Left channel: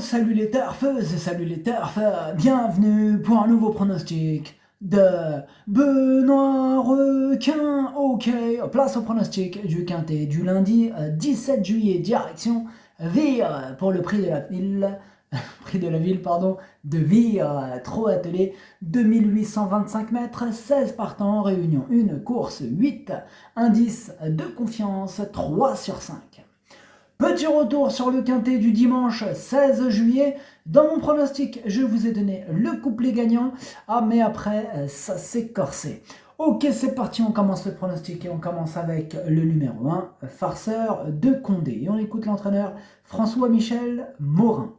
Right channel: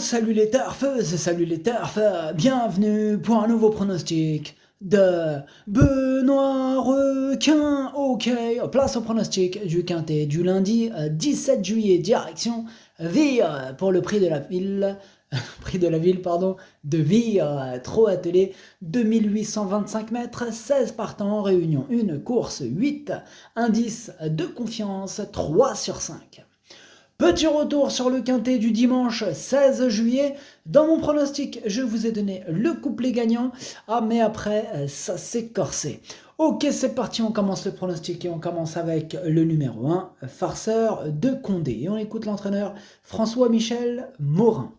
salut les turfeuses, salut les turfs, bienvenue pour un nouveau pronostic de Benoît Requin. Ok, place au pronostic du Quintet du lundi 17 juillet, direction Vire pour le prix de la ville, prix de la ville, pardon, de Vire, trop attelé, 2825 mètres, 16 partants, réunion 1, course 8, indice de confiance 3 sur 5. Petit retour sur le quintet du dimanche 16 juillet. Dans mon pronostic, je vous ai donné le couplet gagnant. Ah, mais après, ça s'est corsé. Ok, c'est parti, on commence le pronostic et on commence avec le numéro 1, Farceur de Condé. Et on écoute l'entraîneur François-Michel Morin.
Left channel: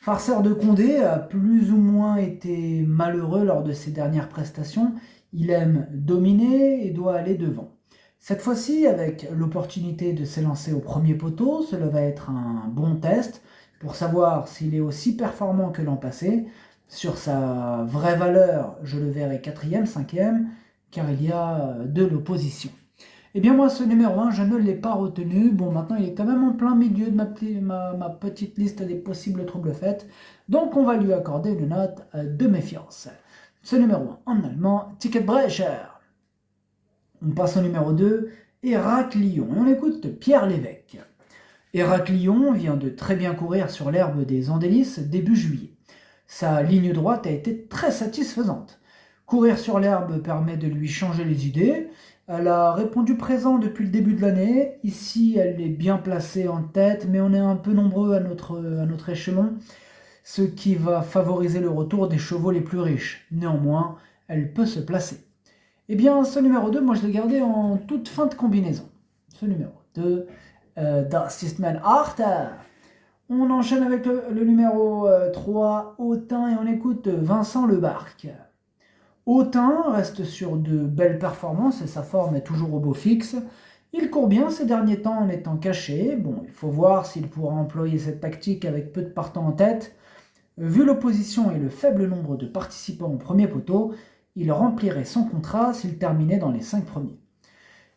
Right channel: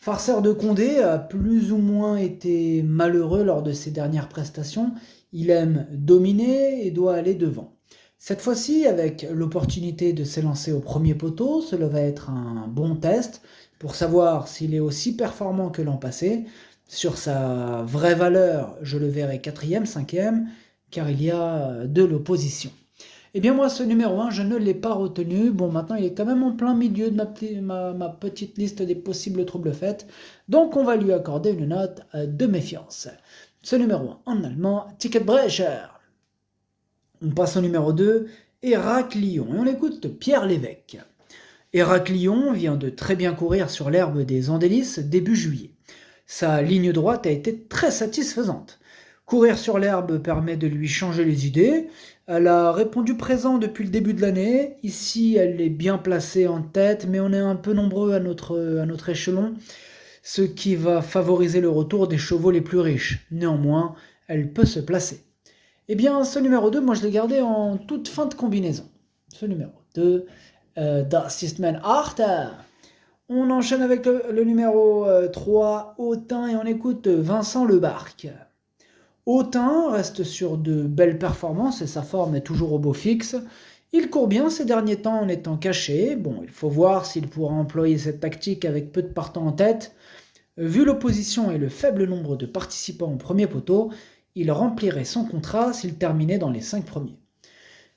Farceur de Condé a plus ou moins été malheureux lors de ses dernières prestations. Il aime dominer et doit aller devant. Cette fois-ci, avec l'opportunité de s'élancer au premier poteau, cela va être un bon test pour savoir s'il est aussi performant que l'an passé. Sur sa vraie valeur, je le verrai 4e, 5e, car il y a de l'opposition. Eh bien moi, ce numéro 1, je ne l'ai pas retenu. Bon, maintenant, il est quand même en plein milieu de ma petite liste des possibles troubles faits. Donc, on va lui accorder une note de méfiance. Ce numéro 1, en allemand, Ticketbrecher. On passe au numéro 2, Héraclion, et on écoute Pierre Lévesque. Héraclion vient de très bien courir sur l'herbe des Andelys début juillet. Sa ligne droite a été très satisfaisante. Courir sur l'herbe permet de lui changer les idées. Elle a répondu présent depuis le début de l'année. Ici, elle est bien placée en tête, mais on est un peu nombreux à notre échelon, ce qui va favoriser le retour des chevaux les plus riches. Néanmoins, elle peut se placer. Eh bien, ce numéro 2, moi je l'ai gardé en toute fin de combinaison. Ce numéro 2, Das ist mein Achter. On enchaîne avec le numéro 3, Autun, et on écoute Vincent Lebarque. Autun reste sur de belles performances et sa forme est toujours au beau fixe. Il court bien ces derniers temps en étant caché. Bon, il faut voir s'il pourra employer cette tactique avec peu de partants en tête. Vu l'opposition et le faible nombre de participants au premier poteau, il remplirait son contrat s'il terminait dans les 5 premiers.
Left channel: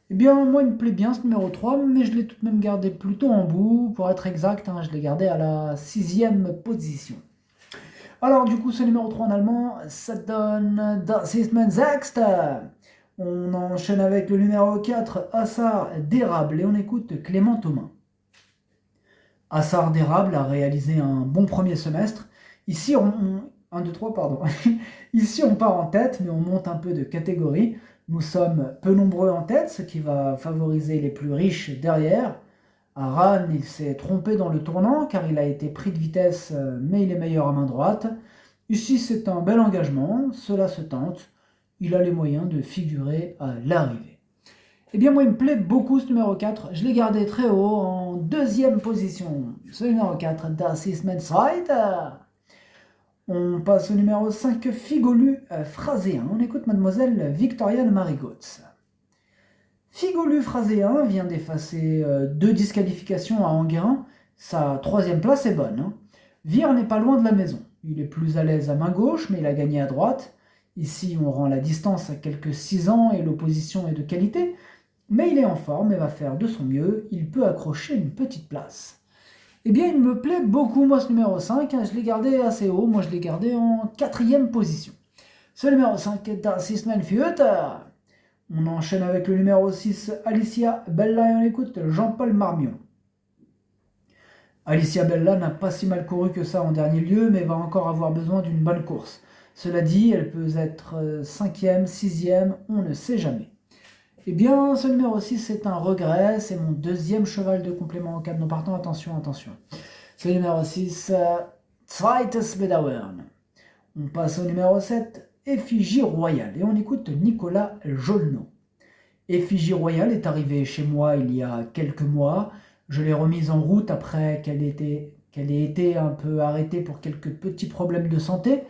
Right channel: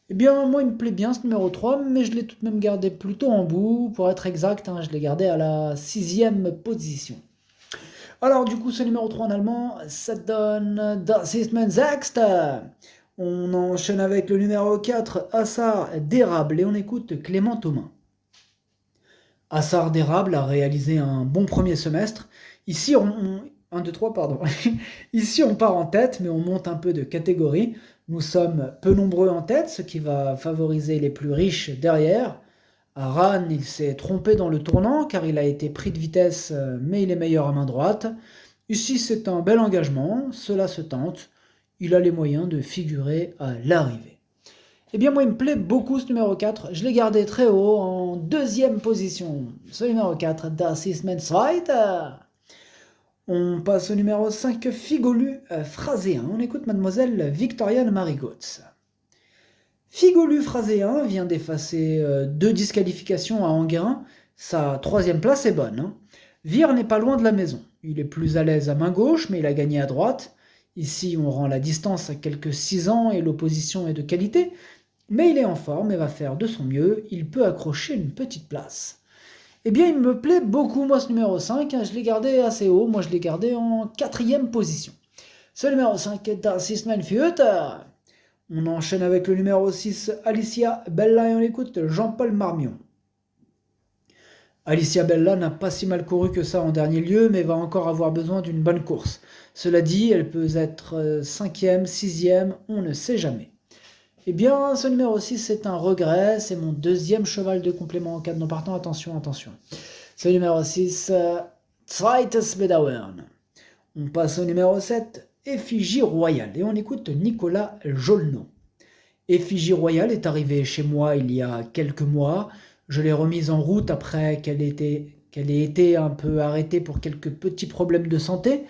Eh bien, moi, il me plaît bien ce numéro 3, mais je l'ai tout de même gardé plutôt en bout. Pour être exact, je l'ai gardé à la 6e position. Alors, du coup, ce numéro 3 en allemand, ça donne Das ist mein Sechster. On enchaîne avec le numéro 4, Assar d'Érable, et on écoute Clément Thomas. Assar d'Érable a réalisé un bon premier semestre. Ici, 1, 2, 3, pardon. Ici, on part en tête, mais on monte un peu de catégorie. Nous sommes peu nombreux en tête, ce qui va favoriser les plus riches derrière. À Rannes, il s'est trompé dans le tournant, car il a été pris de vitesse, mais il est meilleur à main droite. Ici, c'est un bel engagement, cela se tente. Il a les moyens de figurer à l'arrivée. Eh bien, moi, il me plaît beaucoup ce numéro 4. Je l'ai gardé très haut, en 2e position. Ce numéro 4, Das ist mein Zweiter. On passe au numéro 5, Figolu Phraséen. On écoute mademoiselle Victoriane Marigotz. Figolu Phraséen vient d'effacer 2 disqualifications à Enguerrand. Sa 3e place est bonne. Vire n'est pas loin de la maison. Il est plus à l'aise à main gauche, mais il a gagné à droite. Ici, on rend la distance à quelques 6 ans et l'opposition est de qualité. Mais il est en forme et va faire de son mieux. Il peut accrocher une petite place. Eh bien, il me plaît beaucoup, moi, ce numéro 5. Je l'ai gardé assez haut. Moi, je l'ai gardé en 4e position. Ce numéro 5, Das ist mein Führer. On enchaîne avec le numéro 6, Alicia Bella, et on écoute Jean-Paul Marmion. Alicia Bella n'a pas si mal couru que ça en dernier lieu, mais va encore avoir besoin d'une bonne course. Cela dit, elle peut être 5e, 6e, on ne sait jamais. Eh bien, ce numéro 6, c'est un regret. C'est mon 2e cheval de complément en cas de non partant. Attention, attention. Ce numéro 6, Zweites Bedauern. On passe au numéro 7, Effigie Royale. Et on écoute Nicolas Jolnot. Effigie Royale est arrivée chez moi il y a quelques mois. Je l'ai remise en route après qu'elle ait été un peu arrêtée pour quelques petits problèmes de santé.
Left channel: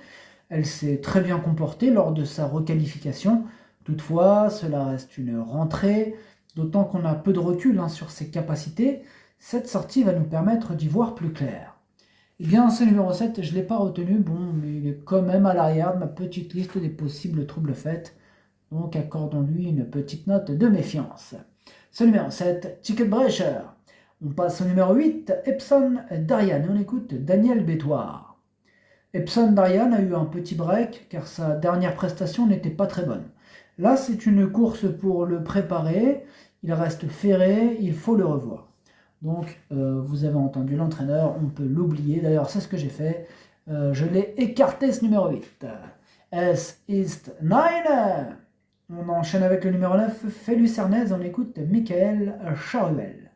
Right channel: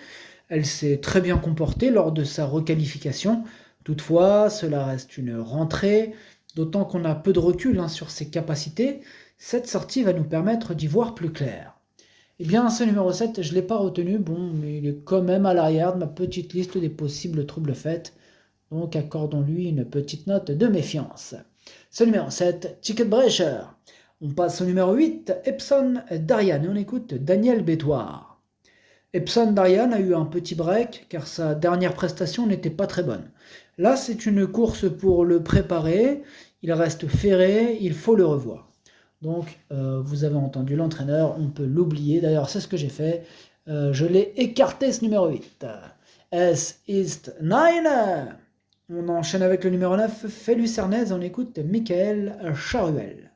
Elle s'est très bien comportée lors de sa requalification. Toutefois, cela reste une rentrée, d'autant qu'on a peu de recul sur ses capacités. Cette sortie va nous permettre d'y voir plus clair. Eh bien, ce numéro 7, je ne l'ai pas retenu, bon, mais il est quand même à l'arrière de ma petite liste des possibles troubles faits. Donc, accordons-lui une petite note de méfiance. Ce numéro 7, Ticketbrecher. On passe au numéro 8, Epson Darian, et on écoute Daniel Bétoir. Epson Darian a eu un petit break car sa dernière prestation n'était pas très bonne. Là, c'est une course pour le préparer, il reste ferré, il faut le revoir. Donc, vous avez entendu l'entraîneur, on peut l'oublier. D'ailleurs, c'est ce que j'ai fait. Je l'ai écarté, ce numéro 8. S East 9. On enchaîne avec le numéro 9, Fay-Lucernez. On écoute Michael Charuel.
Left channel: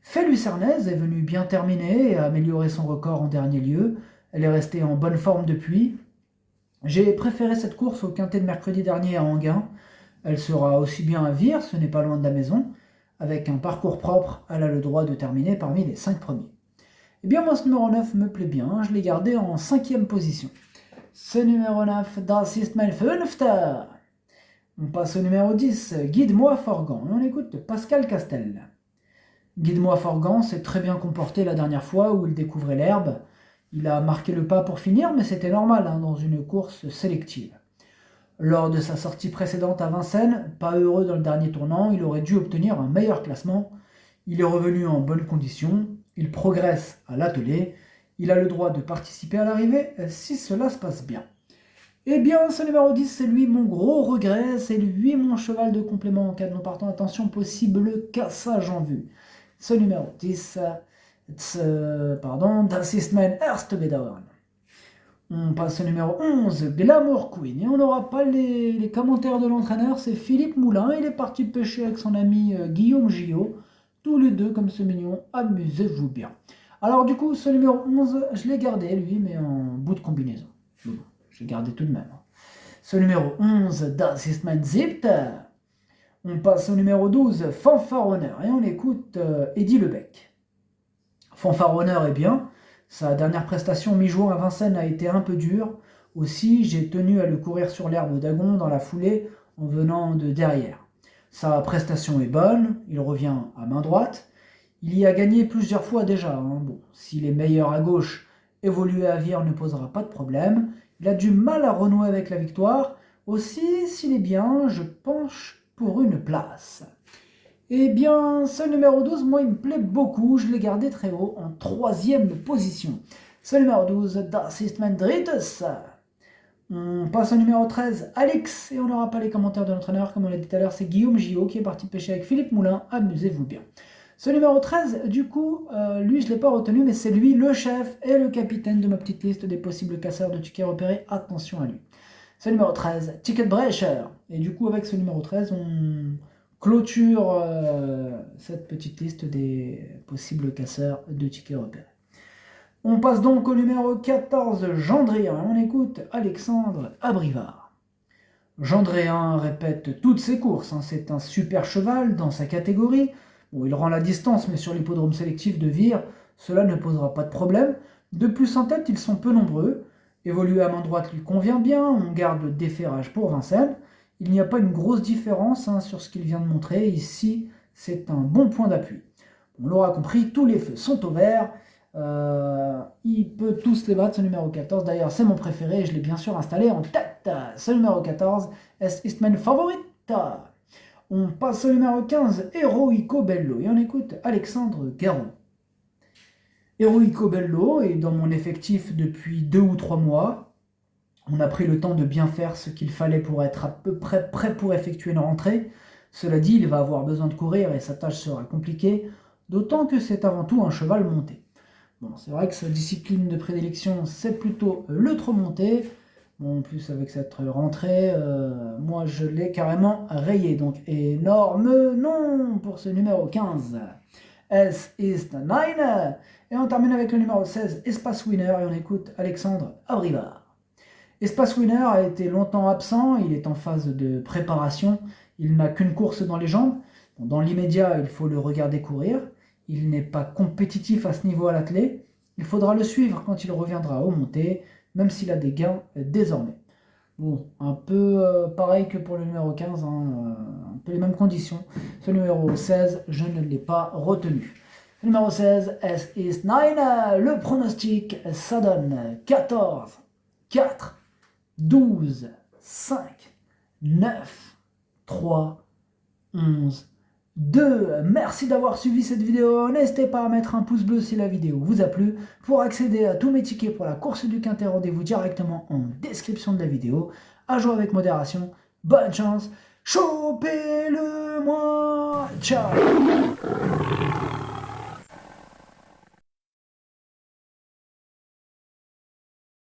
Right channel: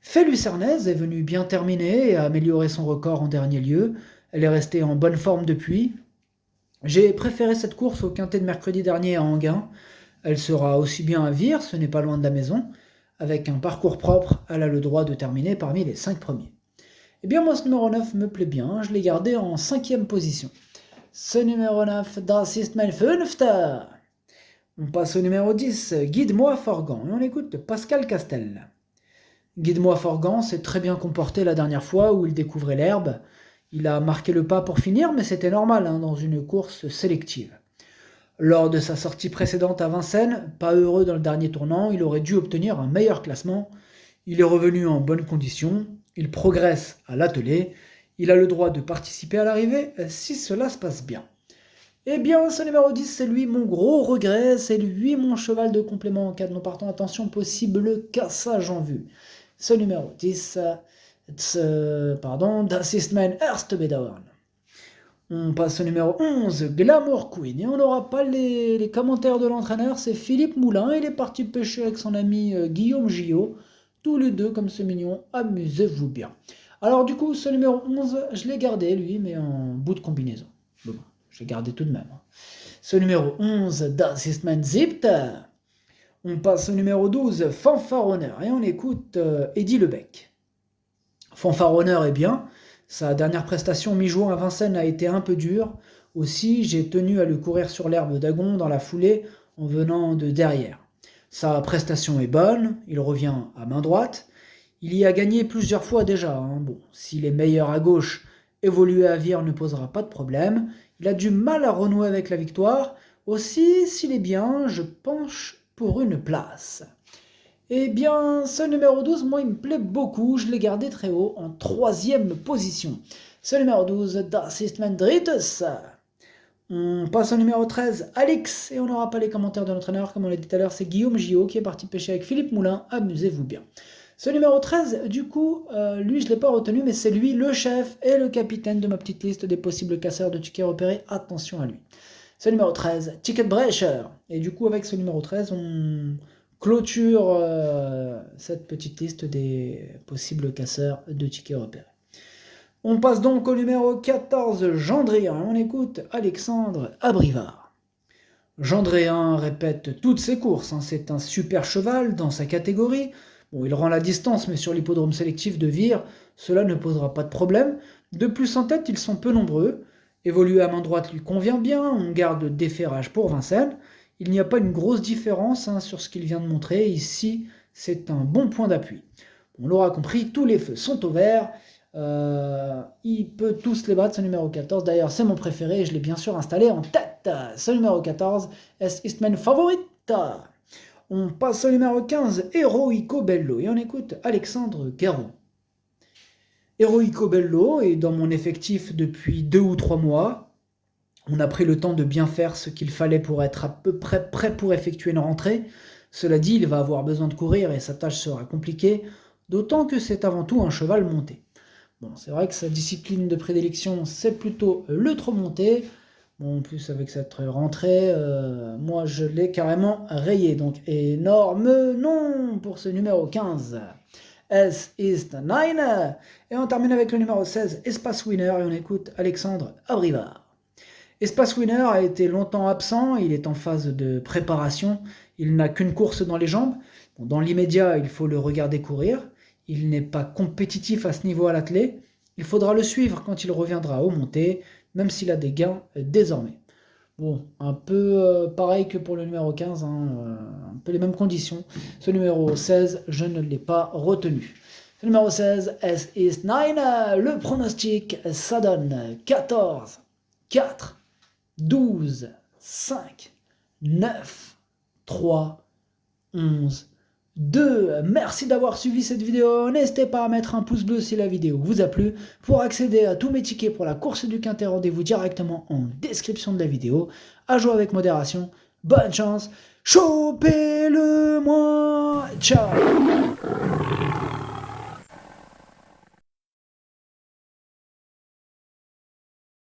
Fay-Lucernez est venue bien terminer et a amélioré son record en dernier lieu. Elle est restée en bonne forme depuis. J'ai préféré cette course au quintet de mercredi dernier à Anguin. Elle sera aussi bien à Vire, ce n'est pas loin de la maison. Avec un parcours propre, elle a le droit de terminer parmi les 5 premiers. Eh bien moi ce numéro 9 me plaît bien, je l'ai gardé en 5e position. Ce numéro 9, Das ist mein Fünfter. On passe au numéro 10, Guide-moi Forgan, et on écoute Pascal Castel. Guide-moi Forgan s'est très bien comporté la dernière fois où il découvrait l'herbe. Il a marqué le pas pour finir, mais c'était normal dans une course sélective. Lors de sa sortie précédente à Vincennes, pas heureux dans le dernier tournant, il aurait dû obtenir un meilleur classement. Il est revenu en bonne condition, il progresse à l'attelé, il a le droit de participer à l'arrivée si cela se passe bien. Eh bien, ce numéro 10, c'est lui mon gros regret, c'est lui mon cheval de complément en cas de non partant. Attention, possible cassage en vue. Ce numéro 10, Das ist mein erster Bedauern. On passe au numéro 11, Glamour Queen. Et on n'aura pas les commentaires de l'entraîneur, c'est Philippe Moulin. Il est parti pêcher avec son ami Guillaume Gillot. Tous les deux, comme c'est mignon, amusez-vous bien. Alors du coup, ce numéro 11, je l'ai gardé, lui, mais en bout de combinaison. Bon, je l'ai gardé tout de même. Ce numéro 11, Das ist mein Siebter. On passe au numéro 12, Fanfaronneur. Et on écoute Eddy Lebec. Fanfaronneur est bien. Sa dernière prestation mi-juin à Vincennes a été un peu dure. Aussi, j'ai tenu à le courir sur l'herbe d'Agon dans la foulée en venant de derrière. Sa prestation est bonne, il revient à main droite. Il y a gagné plusieurs fois déjà. Bon, s'il est meilleur à gauche, évoluer à Vire ne posera pas de problème. Il a du mal à renouer avec la victoire. Aussi, s'il est bien, je penche pour une place. Eh bien, ce numéro 12, moi, il me plaît beaucoup. Je l'ai gardé très haut, en 3e position. Ce numéro 12, Das ist mein drittes. On passe au numéro 13, Alex. Et on n'aura pas les commentaires de l'entraîneur, comme on l'a dit tout à l'heure. C'est Guillaume Gillot qui est parti pêcher avec Philippe Moulin. Amusez-vous bien. Ce numéro 13, du coup, lui, je ne l'ai pas retenu, mais c'est lui, le chef et le capitaine de ma petite liste des possibles casseurs de tickets repérés. Attention à lui. Ce numéro 13, Ticket Brecher. Et du coup, avec ce numéro 13, on clôture cette petite liste des possibles casseurs de tickets repérés. On passe donc au numéro 14, Gendréen, et on écoute Alexandre Abrivard. Gendréen répète toutes ses courses, c'est un super cheval dans sa catégorie. Bon, il rend la distance, mais sur l'hippodrome sélectif de Vire, cela ne posera pas de problème. De plus en tête, ils sont peu nombreux. Évoluer à main droite lui convient bien, on garde déferrage pour Vincennes. Il n'y a pas une grosse différence sur ce qu'il vient de montrer. Ici, c'est un bon point d'appui. On l'aura compris, tous les feux sont au vert. Il peut tous les battre, ce numéro 14. D'ailleurs, c'est mon préféré et je l'ai bien sûr installé en tête. Ce numéro 14, Es ist mein Favorit. On passe au numéro 15, Heroico Bello. Et on écoute Alexandre Garon. Heroico Bello est dans mon effectif depuis 2 ou 3 mois. On a pris le temps de bien faire ce qu'il fallait pour être à peu près prêt pour effectuer une rentrée. Cela dit, il va avoir besoin de courir et sa tâche sera compliquée, d'autant que c'est avant tout un cheval monté. Bon, c'est vrai que sa discipline de prédilection, c'est plutôt le trot monté. Bon, en plus, avec cette rentrée, moi, je l'ai carrément rayé. Donc, énorme non pour ce numéro 15. Es ist 9. Et on termine avec le numéro 16, Espace Winner, et on écoute Alexandre Abrivard. Espace Winner a été longtemps absent, il est en phase de préparation, il n'a qu'une course dans les jambes. Bon, dans l'immédiat, il faut le regarder courir. Il n'est pas compétitif à ce niveau à l'attelé. Il faudra le suivre quand il reviendra au monté, même s'il a des gains désormais. Bon, un peu pareil que pour le numéro 15, un peu les mêmes conditions. Ce numéro 16, je ne l'ai pas retenu. Le numéro 16, Es ist 9. Le pronostic, ça donne 14, 4, 12, 5, 9, 3, 11, 2. Merci d'avoir suivi cette vidéo. N'hésitez pas à mettre un pouce bleu si la vidéo vous a plu. Pour accéder à tous mes tickets pour la course du Quintet, rendez-vous directement en description de la vidéo. À jouer avec modération. Bonne chance. Chopez-le moi. Ciao.